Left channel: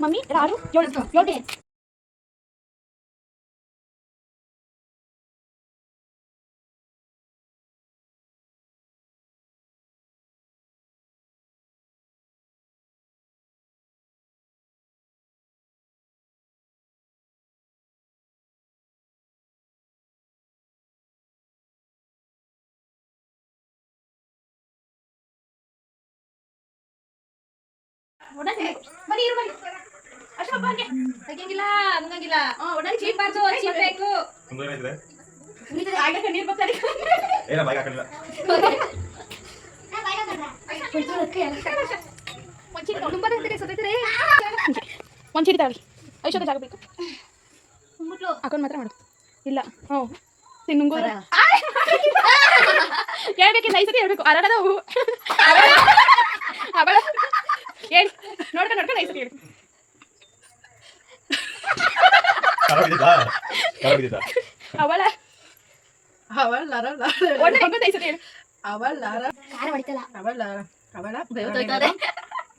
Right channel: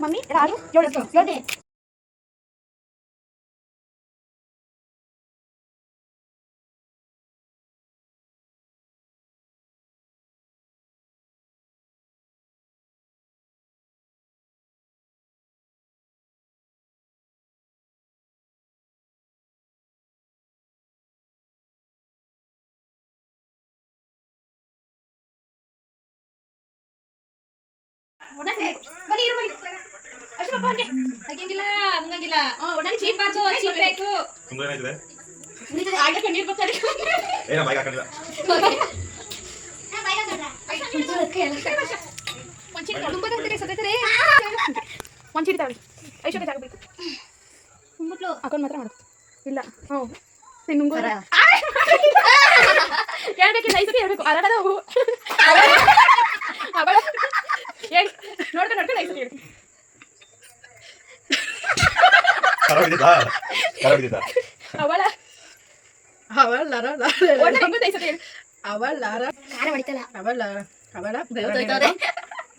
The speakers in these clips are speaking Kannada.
ಮಮ್ಮಿ ಯಾರು ಯೋಳೆ ಬನ್ನಿ ಇರು ಬನ್ನಿ ಅಶ್ವಪ್ಪ ಹಂಗೆ ಹಾಗೇಂಗಿಲ್ಲ ಹಂಗಂಗಿಲ್ಲ ಒಡನೆ ಚೀಪ್ ಬಾರ್ದು ಚೀಪ್ ಬೇಕು ಏನಾಗಿದೆ ನೀನು ಆಡಕ್ಕೆ ನೀರು ಬರ್ತಾರೆ ಏನ ಬೈಕ್ ಹಾಕೊಂಡಿಲ್ಲ ಒಂಚಿಡಿ ತುಂಬಾ ಹೋಗ್ತಾರೆ ಸತ್ತೈತಾರೆ ಒಂಚಿಡಿ ತಾಳಿ ಐಶೋಗೆ ಜಾಗ ಬೇಕು ಮುಟ್ಲು ಅಕೌಂಟ್ ಮಾತ್ರ ಮಾಡು ಇಲ್ಲ ಹ್ಞೂ ತಿನ್ನುಂಗು ಹೇಳ್ಬೇಕಿಲ್ಲ ಐಸತಿ ಹೇಳ್ಬೇಕು ಅರಗದ ಹೋಗು ಅವಳ ಹೇಳಿ ನೋಡ್ಕೊಂಡು ನೋಡ್ಕೊಂಡು ಐಸತಿ ಹೇಳಿ ಅವಳ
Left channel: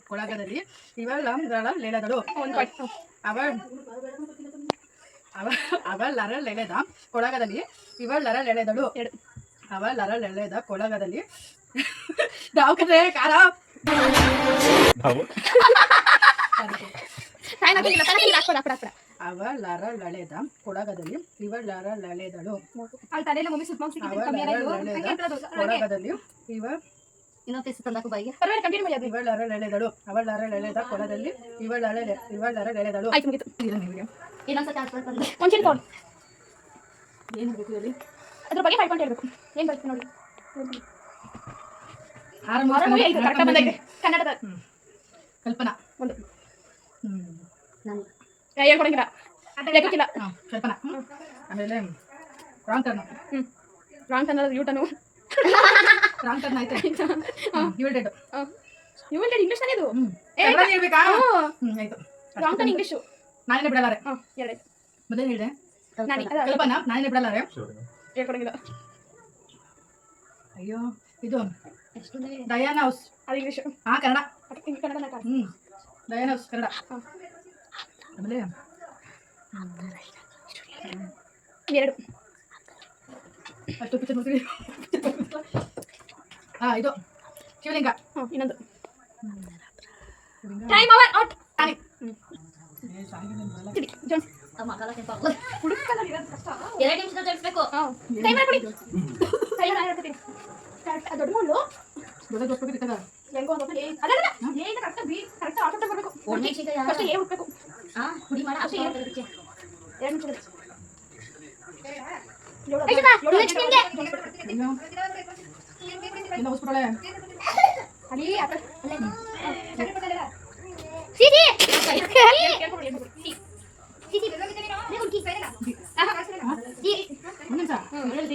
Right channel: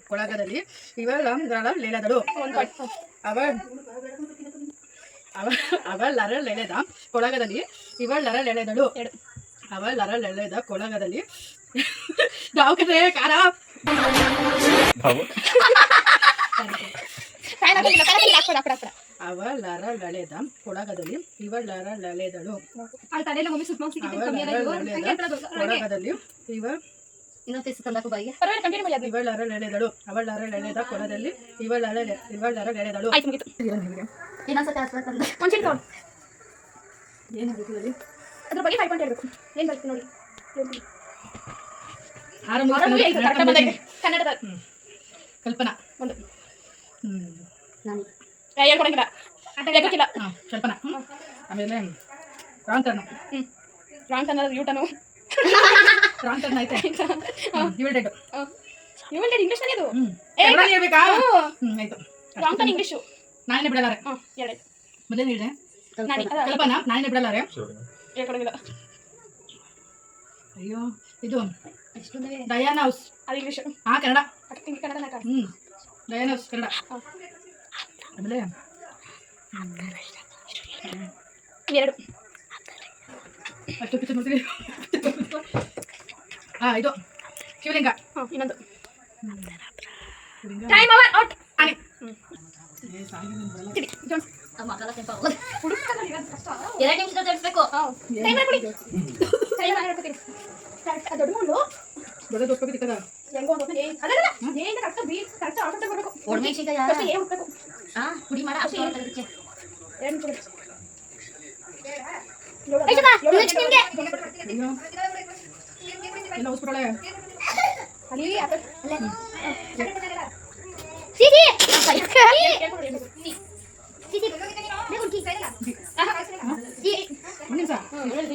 ಕೊಳಗದಲ್ಲಿ ಇವಳ ಲೇಳದಳು ಅವಳರ ಲೆಳೆದ ಕೊಳಗದಲ್ಲಿ ಇವಳರ ಲೆಳೆದಳು ಅವಳರ ಲೆಳೆದ ಕೊಳಗದಲ್ಲಿ ದಾವಕದೆ ಕಾರ ಅವಳರ ಲಳೆದ ಕೊಳಗದಲ್ಲಿ ಇವಳರ ಲಳೆದಳು ಕೊಳಗದಲ್ಲಿ ಇವಳರ ಲೆಳೆದಳು ಅವಳರ ಲೆಳೆದ ಕೊಳದಲ್ಲಿ ಇವಳರ ಲೆಳೆದಳು ಅದ್ರ ಬಗ್ಗೆ ಹಾಕೊಂಡು ಹೇಳ್ಬೇಕು ಏನ್ ಬರ್ತೀನಿ ನೋಡಿ ಕನ್ನಡದ ಕಲ್ಪನಾ ಒಂದು ಹೇಳ್ಕೊಡಂಗಿಲ್ಲ ಕಲ್ಪನಾ ಆಮೇಲೆ wrong turn wrong turn U turn wrong turn ಆಯ್ತಾ ಯುವಲ್ಡೆಡ್ ಇಂಗ್ಲಿಷ್ ನಲ್ಲಿ ಇದು ಹೇಳ್ಬೇಕಾ ಆಯ್ತು ರಾಂಗ್ ಟರ್ನ್ ಇಂಗ್ಲಿಷ್ ನಾನೇ ಬಿಡಲಾರೆ ಹೇಳಿ ಮೊದಲೇ ಹೇಳಿದೆ ಕಲ್ಪನಾ ನಾನೇ ಬಿಡಲಾರೆ ಹೇಳ್ಕೊಡಂಗಿಲ್ಲ ಅಯ್ಯೋ ಇದು ಡಯಾನಾ ಹೌಸ್ ಅದು English Kannada Kannada Diana house Kannada ಆಮೇಲೆ ಎರಡು ಅಷ್ಟು ಪಿಕ್ಚರ್ ನೋಡ್ತೀವಿ ಇದು ಶಿವಲಿಂಗ ಇನ್ನೊಂದು ಶಿವಲಿಂಗ ಟೈಮ್ ಓವರ್ ಔಟ್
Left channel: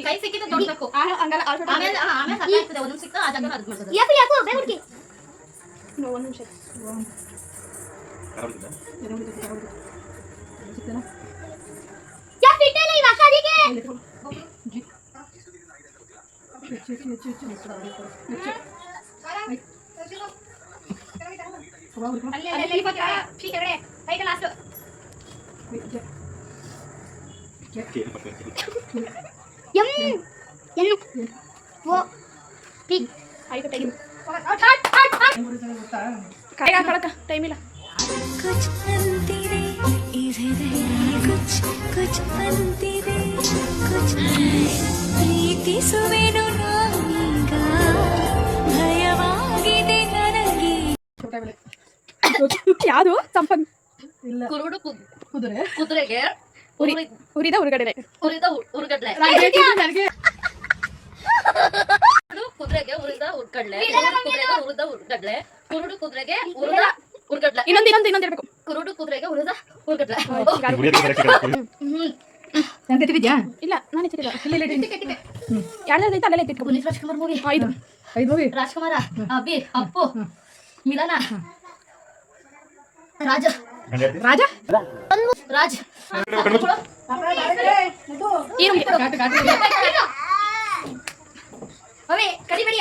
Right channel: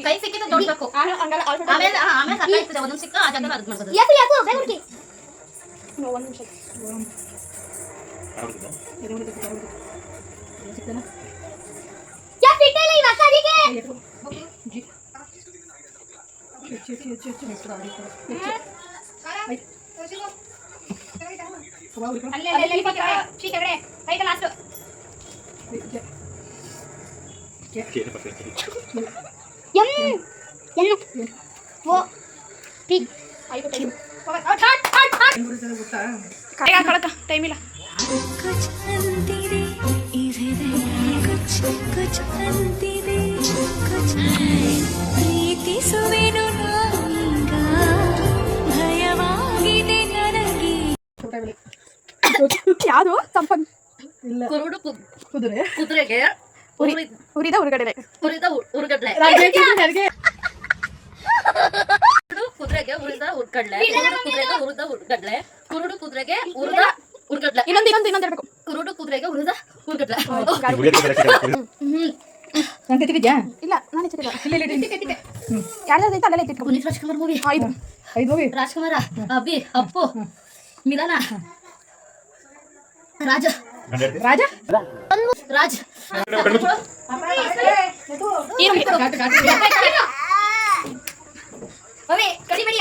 ಕೈ ಸಿಕ್ಕಿದ್ದು ನೋಡ್ಬೇಕು ಆಮೇಲೆ ಸಾಕಾಗ್ತದೆ ಒಂದೊಂದು ಸಿಕ್ಕ ಆ ಜಾಗ ಅದು ಮಾಡ್ತದೆ ಒಂದು ನಿಮಿಷ ಟೈಮ್ ಇಲ್ಲ कुछ अंतिरे हृदय कुछ कुछ अंतिरे कुछ प्रीति सुवेनु नामीಗ ಭಯವಾಗಿದೆ ನನಗೆ ಯಾವುದು ಸಂಪಂಗ್ ಇಲ್ಲ ಕುರುಡು ಕುದುರೆ ಕುದುರೆಗೆ ಹುರಿದ ಹುರುಗಡೆ ಹುರಿದ ಹುರುಗಡ್ಲೆ ಕುದುರೆಗೆ ಹುರಿದ ಹುರ್ಗಡ್ಲೆ ಕುದುರೆಗೆ ಹುರಿದ ಹುರ್ಗಡ್ಲೆ ಕುರುಡು ಕುದುರೆಗೆ ಹುರಿದ ಹುರ್ಗಡ್ಲೆ ಇನ್ನೊಂದು ಹೇಳ್ಬೇಕು ಕುರುಡು ಕುದುರೆಗೆ ಹುರಿದ ಹುರ್ಗಡ್ಲೆ ತೆಗೆದಿದ್ಯಾ ಇಲ್ಲ ನಾನು ಚಿಕ್ಕ ಇಲ್ಲ ಯಾರ್ದು ಅಲ್ಲೆಲ್ಲ ಎತ್ತಿಟ್ಕೊ ಪುನೀತ್ ರಾಜ್ಕುಮಾರ್ ಮೂವಿ ಐದು ಮೂವಿ ರಾಜ್ಕುಮಾರ ಅಬ್ಬಿ ಅಪ್ಪು ಮಿಲನ ರಾಜ ರಾಜ ರಾಜ್ ಏನು ಕಡಿಬೇಡಿ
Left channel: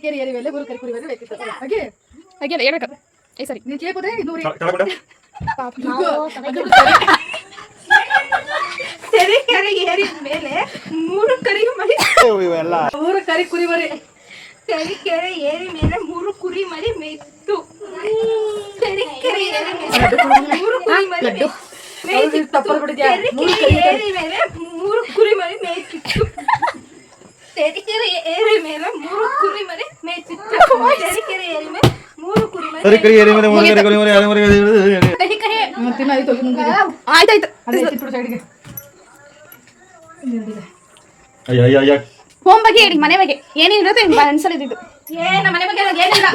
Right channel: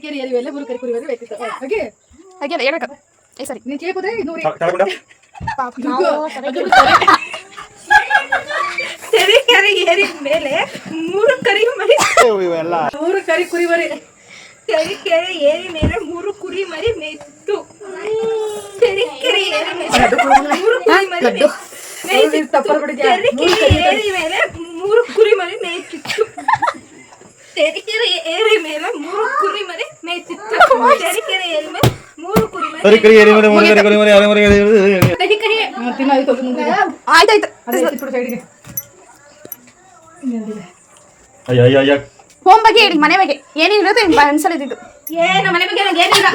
ಕೆರೆ ಏರಿ ಮೇಲೆ ಮೂರು ಕರಿ ಕುರಿ ಮೇಲೆ ಬೇಕಿತ್ತು ಹಾಗೆ ಹಾಗೆ ಹೇಳ್ಬೇಕು ಏ ಸರಿ ನೀನು ಕೇಳ್ಬೋದೇ ನೂರಿ ಕೆರೆ ಏರಿ ಮೇಲೆ ಮೂರು ಕರಿ ಮರಿ ಮೂರು ಕರಿ ಕುರಿ ಮರಿ ಕೆರೆ ಏರಿ ಮೇಲೆ ಮೂರು ಕುರಿ ಮರಿ ಮೇಯ್ತು ಕೆರೆ ಏರಿ ಮೇಲೆ ಮೂರು ಕುರಿ ಮರಿ ಏರಿ ಮೇಲೆ ಮೂರು ಕುರಿ ಮರಿ ಮೇಯ್ತಿತ್ತು ತೆರಿಕೆರೆ ಏರಿ ಮೇಲೆ ಮೂರು ಕುರಿ ಮರಿ ಮೇಯ್ತಿತ್ತು ತೆರಿಕೆರೆ ಏರಿ ಮೇಲೆ ಮೂರು ಕುರಿ ಮರಿ ತಿನ್ನಾಯ್ತು ಆಯ್ತಾಯ್ತು ಅದೇ ಚಿಕ್ಕುಡು ಸೈಡಿಗೆ ಹೋಮ್ ಬಗ್ಗೆ ಹೇಳಿ ಮನೆ ಬಗ್ಗೆ ಏನೇನಿರುತ್ತೆ ಅನ್ಸಲಿದ್ದು ನಮ್ಮ ಮನೆ ಬಗ್ಗೆ ನಂಗೆ ಏನಿಲ್ಲ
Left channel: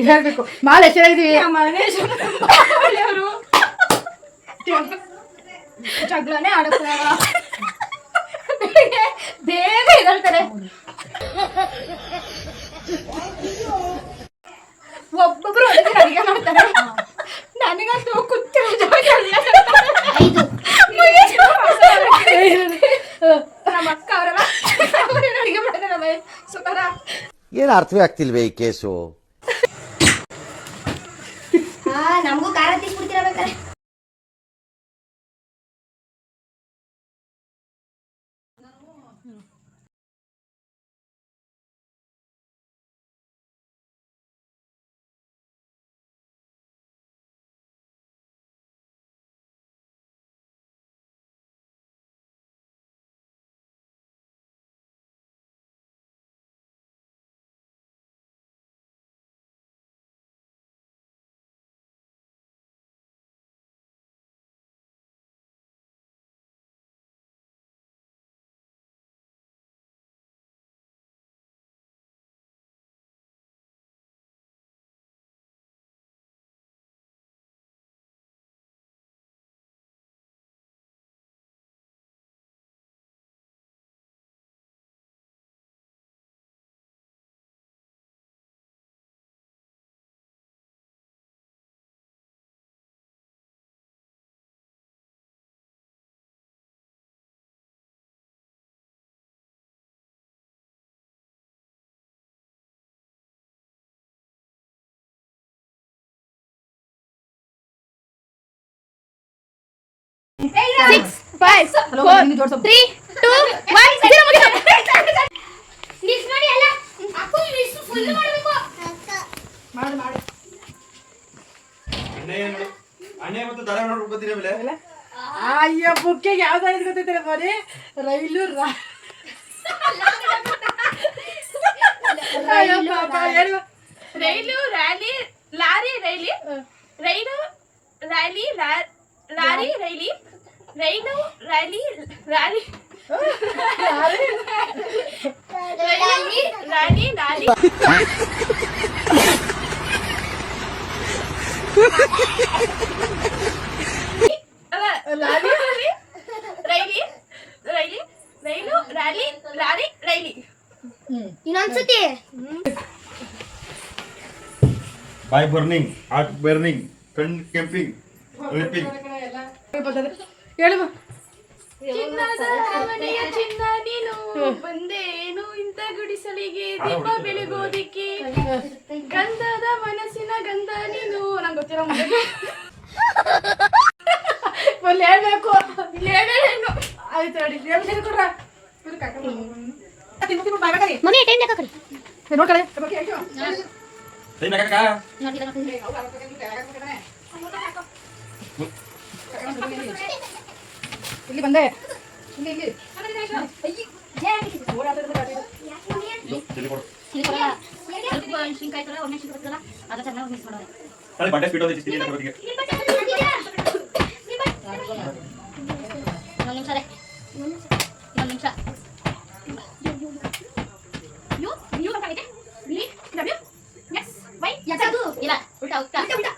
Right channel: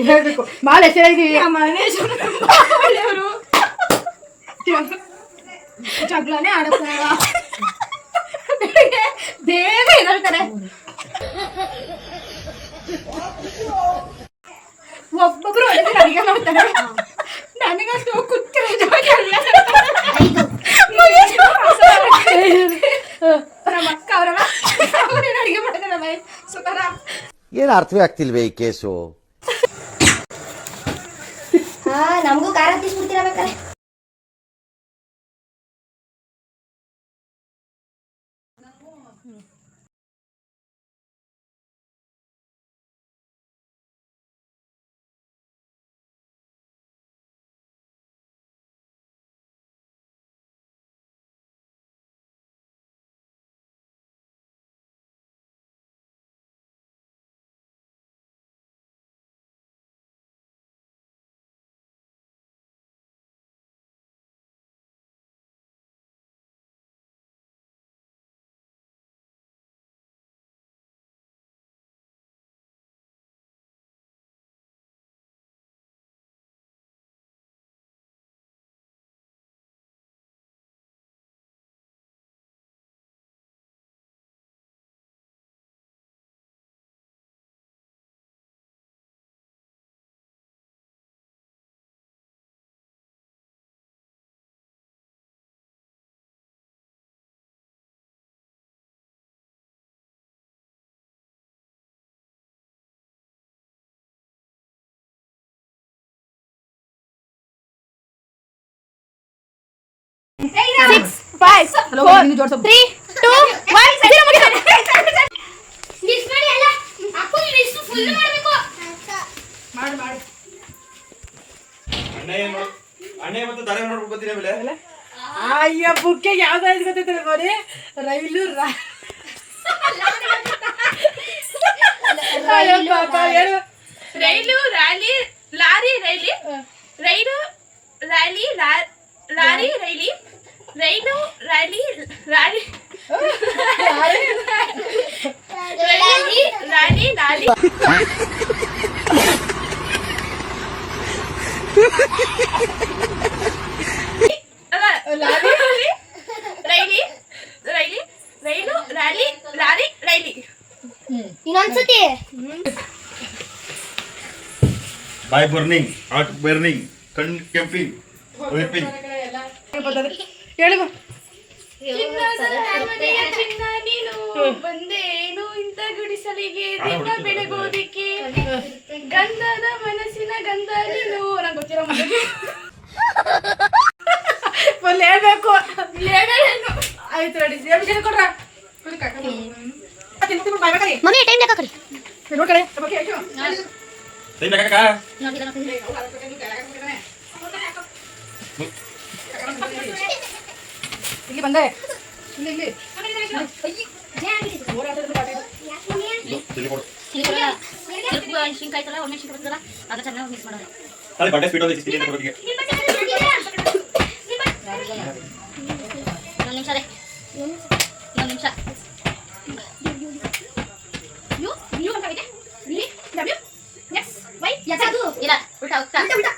ಹೇಳ್ಬೇಕು ಭಾಳ ಚೆನ್ನಾಗಿದ್ದೀವಿ ಮನೆ ಒಳ್ಳೆಯವರು ಜಗಳನೇ ಆಡುತ್ತಾರೆ ಬೇಗ ಹೇಳ್ತಾರೆ ಒಬ್ಬೊಬ್ರು ಅಡುಗೆ ಮಾಡ್ತಾರೆ ನನಗಂತೂ ಕೂತಿರೋ ನಮ್ಮ ಅಕ್ಕ ಅವರೆಲ್ಲ ಅಡುಗೆ ಮಾಡ್ತಾರೆ ಸುಖರ ಏನು ಅರ್ಥವೇ ಆಗ್ತಿಲ್ವೇ ಈ ಕೇಸು ನಮಗೂ ಖಾರ ತಿನ್ಬಿಡ್ತೀರ ಅಣ್ಣೆ ಮತ್ತು ದಾರ ನೋಡ್ಬೇಕು ಗೊತ್ತಿಲ್ಲ ಬೆಲೆ ಅಯ್ಯ ಬುಕ್ಕೆ ಯಾವ್ದಾದ್ರು ಗೊತ್ತೈತೆ ಬರೀ ರೈಲು ರೈಲು ರ್ಯಾಲಿ ಲಾರಿ ರೈಲಿ ರೈಲು ರ್ಯಾಲಿ ಲಾರಿ ರೈಲಿ ರೈಲು ರ್ಯಾಲಿ ಲಾರಿ ರ್ಯಾಲಿ ಲಾರಿ ರೈಲಿ ರೈಲಿ ರೈಲು ರ್ಯಾಲಿ ಲಾರಿ ರೈಲಿ ಇನ್ನೊಂದ್ಸತಿ ಬಾಯ್ ಬರ್ನಿಂಗ್ ಹಾರ್ಟ್ ಬರ್ನಿಂಗ್ ಕಣ್ ಕೆಂಪಿಂಗ್ ಒಲಿಪಿಂಗ್ ಹೇಳು ಚಿನ್ನ ನೀನು ಬಂದೇನು ಇಂಥ ಗುಡಿಸಲಿಗೆ ದೀಪ ಬೆಳಗೋದಿಕ್ಕೆ ಗಂಧದ ಮನಸ್ಸಿನ ಗಂಧ ನೀನು ನಂಗೆ ಗೊತ್ತಿರೋ ಒಂದು ಹೇಳ್ಬೇಕು ಆಯ್ತು ನೋಡಿ ಕೊಡ್ರ ಮಮ್ಮಿ ಟೈಮ್ ಲೆಕ್ಕ ಕಡಿ ನೋಡ್ಕೊಳ್ಳಿ ಇಲ್ಲಿ ಬಂದೆ ಇಲ್ಲಿ ಶಿಂಕಾಯ್ತಲ್ಲ ಒಳ್ಳೆ ಶಿಂಕ ಬರ್ತಲ್ಲ ಅದು ಚೆನ್ನಾಗಿ ಮಿಕ್ಸ್ ಮಾಡೋದು ಅಲ್ಲಿ ಬಟ್ಟೆ ಸ್ಪೀಡ್ ಅಲ್ಲಿ ಕೊಡೋದಿಗೆ ಒಂದು ನಿಮಿಷ ಅದೇ ಒಂದು ನಿಮಿಷ ಇಲ್ಲ ಉಲ್ಟಾ ಉಲ್ಟಾ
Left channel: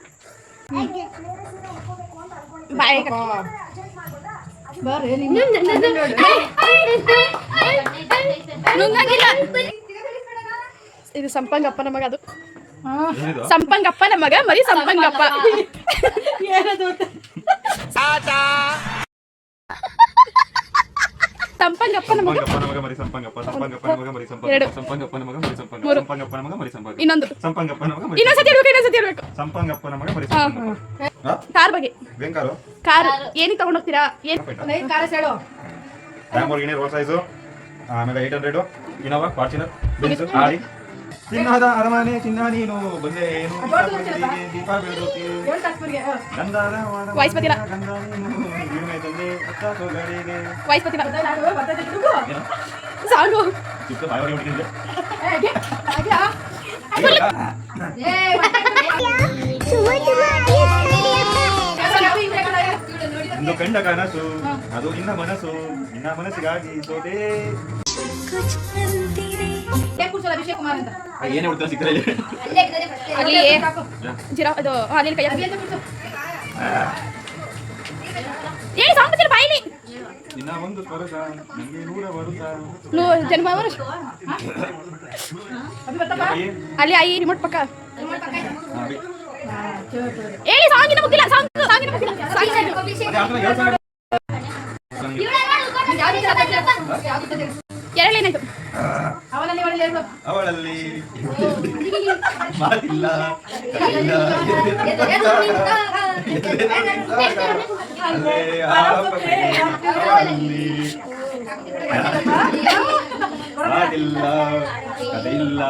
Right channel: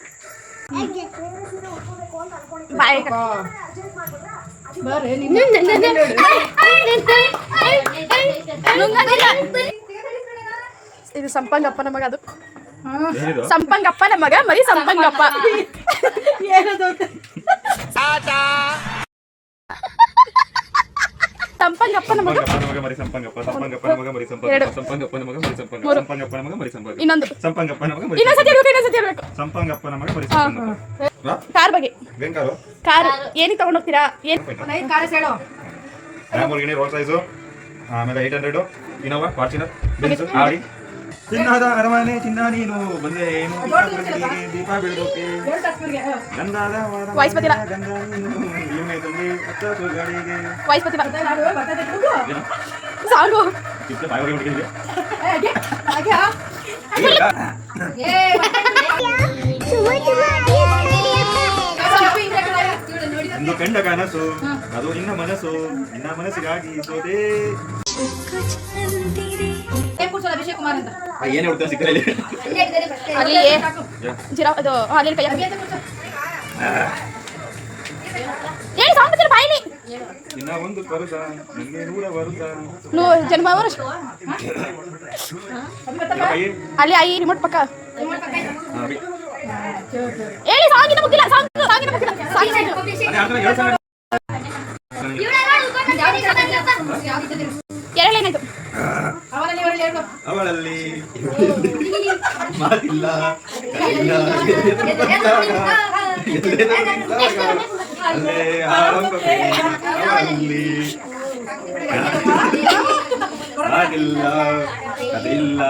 ಬರ್ರಿ ಇದು ಸಂಪಂಗಪ್ಪನ ಮಗ ಅದು ಏನಿದು ಸಂಪಂಗಪ್ಪನ ಮಗ ಮರಿ ಸಂಪಂಗಪ್ಪ. ಏನದು ಅಂತ ಸಂಪಂಗಪ್ಪನ ಮಗ ಸಂಪಂಗಪ್ಪನ ಮಗ ಮರಿ ಸಂಪಂಗಪ್ಪ, ಸಂಪಂಗಪ್ಪನ ಮಗ ಮರಿ ಸಂಪಂಗಪ್ಪ, ಎರಡು. ಸಂಪಂಗಪ್ಪನ ಮಗ ಮರಿ ಸಂಪಂಗಪ್ಪ, ಮೂರು. ಸಂಪಂಗಪ್ಪನ ಮಗ ಮರಿ ಸಂಪಂಗಪ್ಪ, ಇನ್ನೊಂದು ಸಂಪಂಗಪ್ಪನ ಮಗ ಮರಿ ಇನ್ನೊಂದ್ಸತಿ ಇರ್ಬೇಕು, ಇನ್ನೊಂದ್ಸತಿ ಇರ್ಬೇಕು. ಸಂಪಂಗಪ್ಪನ ಮಗ ಮರಿ ಸಂಪಂಗಪ್ಪ. ಹಾ? ಕಾರ್ ಬಗ್ಗೆ ವೆಂಕಾರು ಕಾರ್ ಏನಿಗೆ ತಗೊಂಡೋಗ್ತೀರಾ? ಏನ್ ಒಂದು 5 ಕಾರ್ ಹೇಳು. ಲ್ಯಾಂಬೋರ್ಗಿನಿ, ರೋಲ್ಸ್ ರಾಯ್ಸು, ಆಮೇಲೆ 800 ಇನೋವಾ, ಫಾರ್ಚುನರ್, ಬೆನ್ಸ್, ಆಡಿ. ಚಿನ್ನದ ಅರಮನೆ ಚಿನ್ನ ನೀನು ಬಂದೆ ಏನು ದೀಪ ಬೆಳಗೋಕೆ ಗಂಧಾದ ವಾಯ್ಸ್ ಬರ್ತಿಲ್ಲ. ಗಂಧ ನೀನು ಇವನೇ ತಂದೆ ಅತ್ತ ಸೊಗಡಿಗೆ ವಾಯ್ಸ್ ಬರ್ತಿಲ್ಲ. ಏನು? ಸಾಂಗು ಚಿಕ್ಕ ಬಾಯಿಗೆ ಬಿಟ್ಟಿದ್ದೆ ಒಂದು ಕಂಡ ಕನಸು ಅದು ನಿನ್ನ ಮನಸ್ಸು, ನಿನ್ನ ಮನಸ್ಸಿಗಾಗಿ ಸೋದೆ. कुछ अंतिरे ಏನ್ ಕೂರ್ಸೋದು ಅಭಿಷೇಕ್ ಕುಮಾರ್ ಅಂತ ಏನೇ ಹುಡ್ತಾರೆ ಸಿಕ್ಕರೆ ಅಲ್ಲಿ ಜಿರಾ ಅದು ಅಲ್ಲಿ ಕೈ ಹೇಳಿ ಸಾಂಗ್ ಬರ್ತಿಲ್ಲ ಬಾಯಿಲಿ. ಇನ್ನ ಒಂದು ಪರುಸ ನನಗೆ 100 ವರುಷ ಜನ್ಮ ಅಲ್ಲಿ ಐ ರಿಮೋಟ್ ಪಕ್ಕ ಹೇಳಿ ಸಾಂಗಿನ ಮುಗಿಲ್ಲ. ಸಾಂಗಿನ ಮುಗಿಲ್ಲ. ಎರಡೇನಾಯ್ತು? ಅವಳಲ್ಲಿ ಮಾತಿಲ್ಲ ಅಲ್ಲೇ ಆರಂಭವೇ ಅವಳಲ್ಲಿ ಮಾತಿಲ್ಲ ಕಥೆಯಿಲ್ಲ